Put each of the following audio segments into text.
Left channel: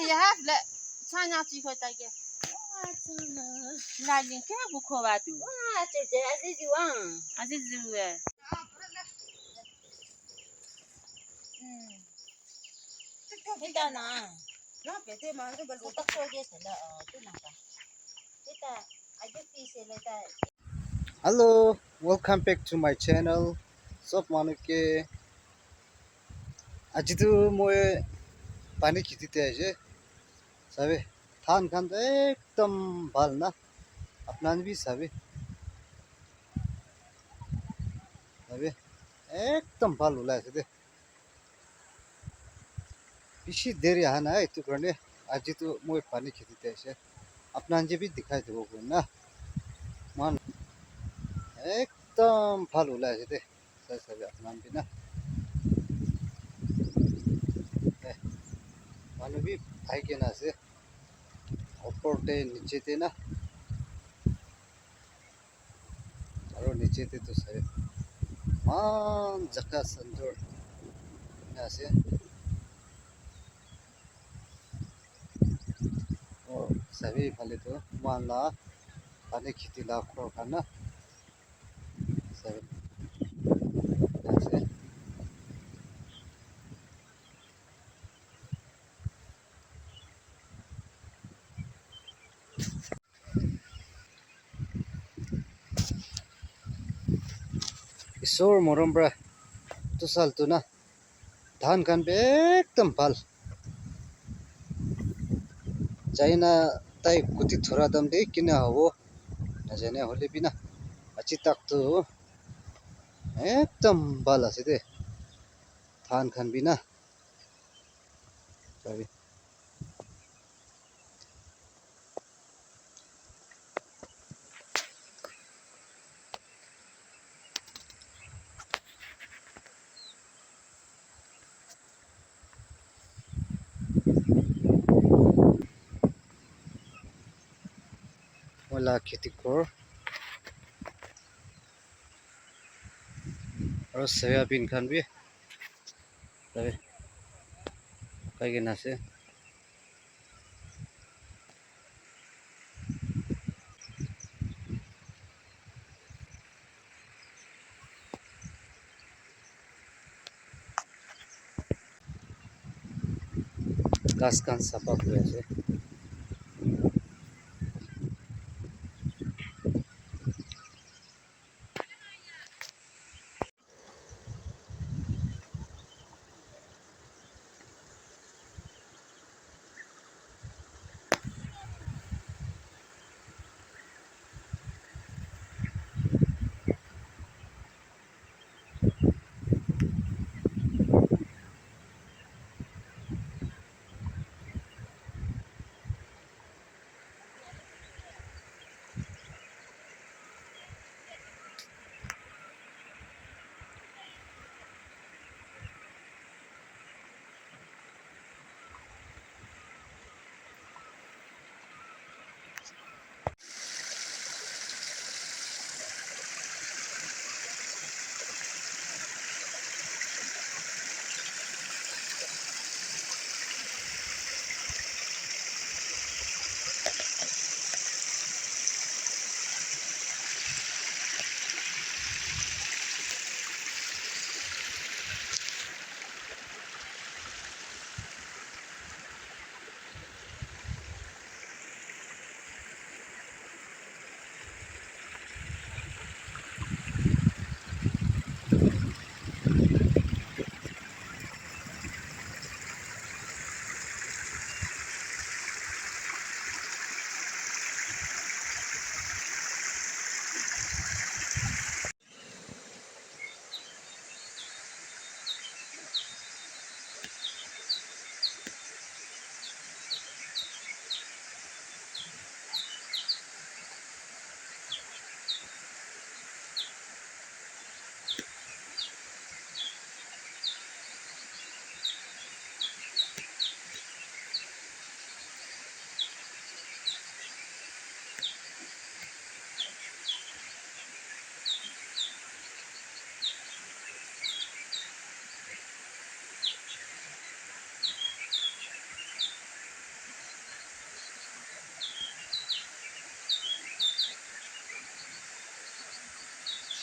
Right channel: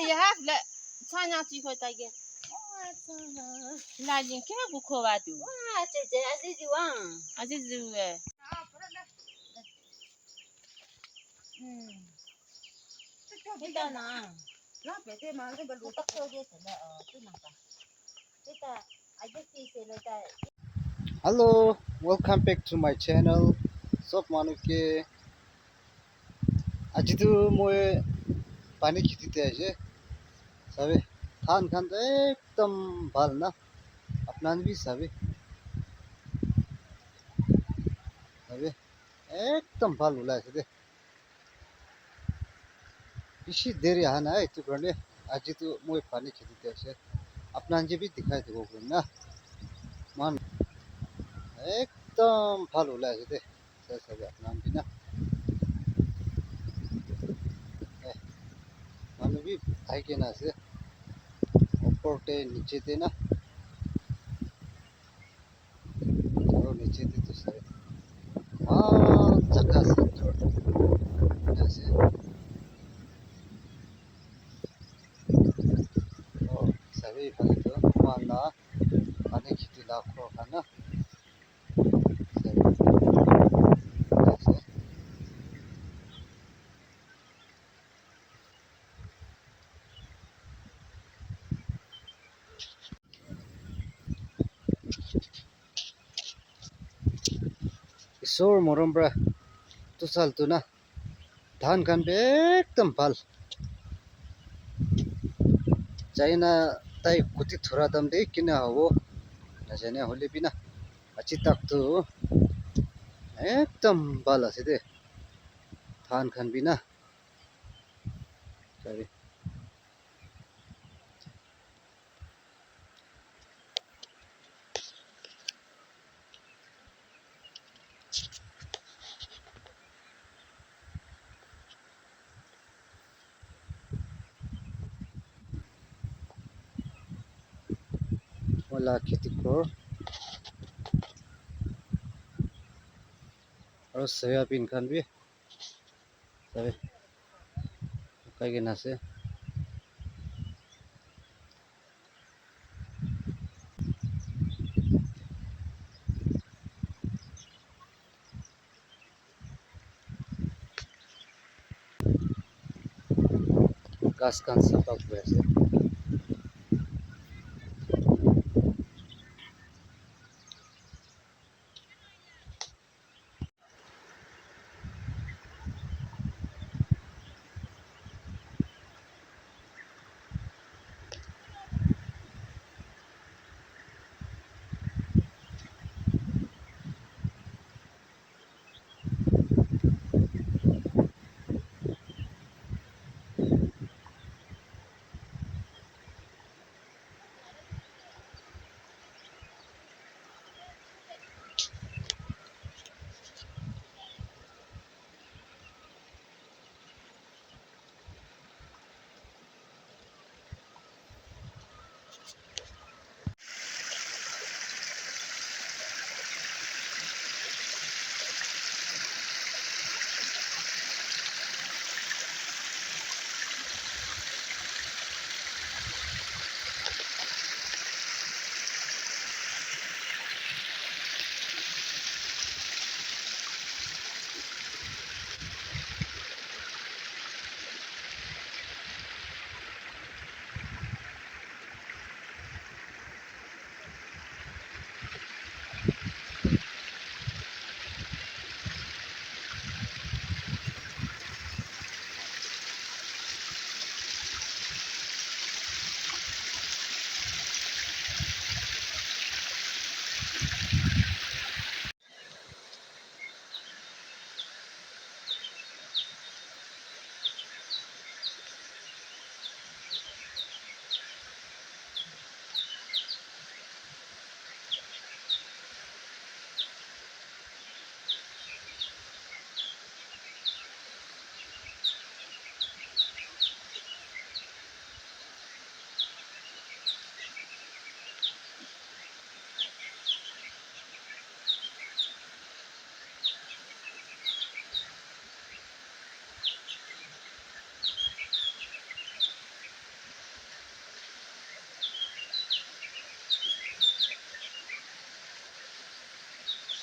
you have let China to go take it. Like you can't go cover to. As is you were. Hello, welcome back to my channel. Sop manuke. Aji tu moye pani khiti te aje. Sabe, than khan to ekdam bal na. Apnan bhi sabe. Sabe, ekdam bal ulai se de. Bishi deri hana hai tu karne. Aji tu moye pani khiti te aje. Apnan je bhi dikhai de go na. Man ekdam bal ulai se de. Sabe apnan bhi na. Manu bhi ai ke na se. Upper te niche te na. Aro niche te to sabe. Jaka center nasi. Oh, sabi phale to mana ane khiti la khro kana sabi nasi. Isor morombra to sal to na dhan kan be ekdam bal China tai kuti thora dam de kina ho na jane hole bina achi tak to ekdam bal ase de dhan khan bina sabi wala khiti kor aro soybean khan bi sabi kai kena ase gas khan sapa kure ase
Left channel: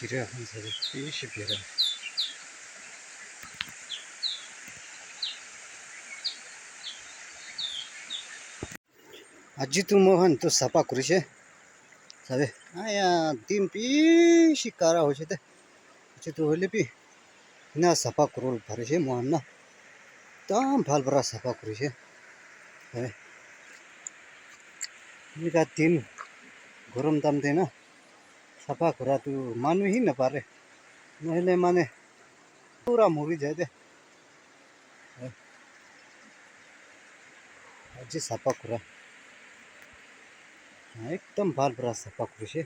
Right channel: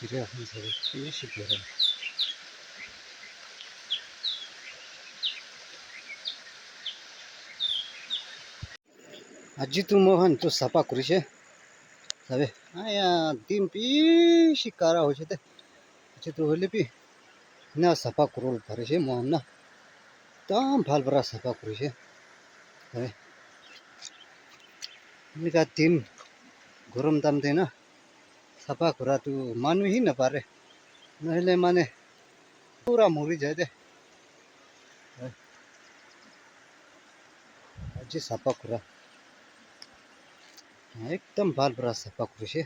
길에 한 사람이 20개라. 아직도 뭐한 또 사파 그러시? 사be? 아야, 딤피 까라 오시대. 아직도 흘리피 나 사파 그럴 바르시 뭐한나? 땀 발브라 사파 그러시. 사be? 니가 딤 गरम दाम देना सफा कुरा तू मानु ही न पारे नहले माने पूरा मुरी जाए दे अजी सफा कुरा एकदम बाल बरा सफा कुरा से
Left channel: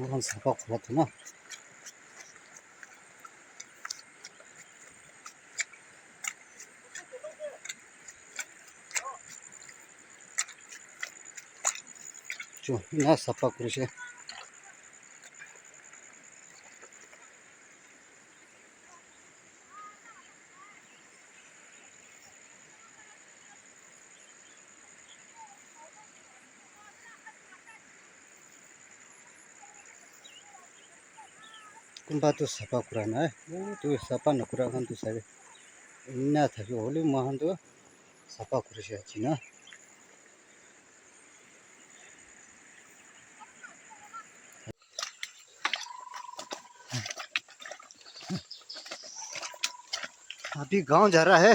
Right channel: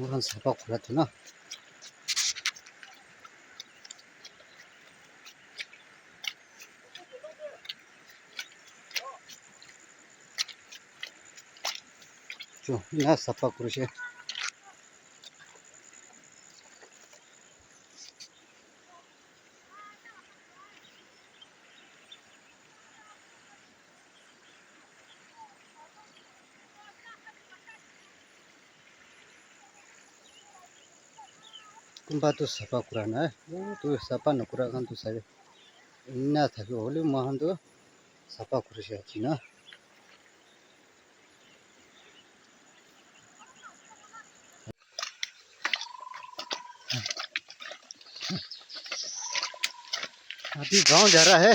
मुरन सफा कुरा तू ना जो ना सफा कुरा से कुंबा तो सफा कुरा ना है वो तो सफा न कुरा खान तो सारे इन्ना था कि होली महान तो सफा कुरा से अच्छी ना अभी गांव जा रहा है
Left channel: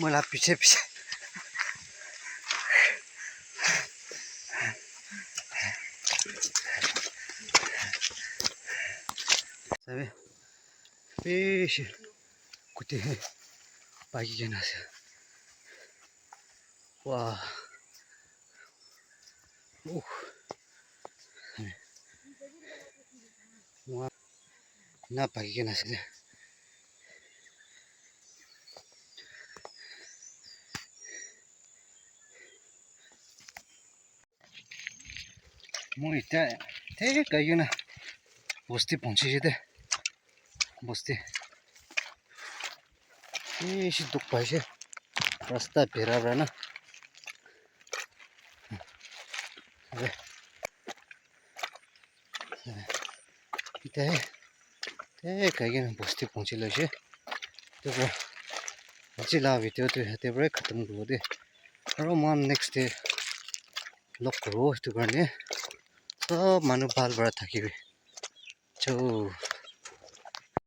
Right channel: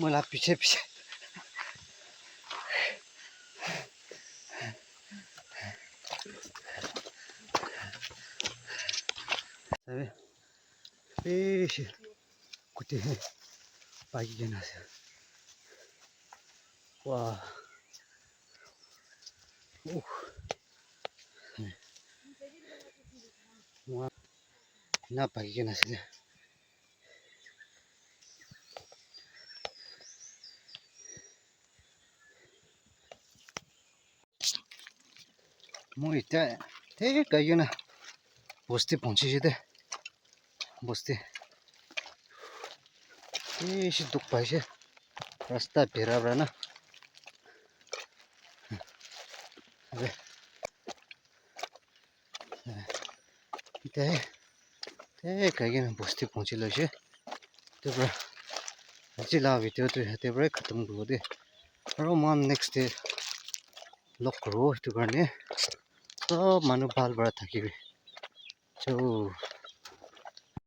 मला पीछे पीछे सारे फिश कुत्ते बाकी के ना से वाह वाह ना बाकी के ना से म इतना थे कहीं ना बस्ती पहुंची थे बस्ती ये दुख पाए रास्ता ढेरा बड़ा ना इतना थे कहीं ना बस्ती पहुंची लो से तो अच्छी लाभ वीडियो तो है तो खत्म करो दे और मान नेक्स्ट डे लॉक करो तो करने सब मानो बाल बड़ा था कि जो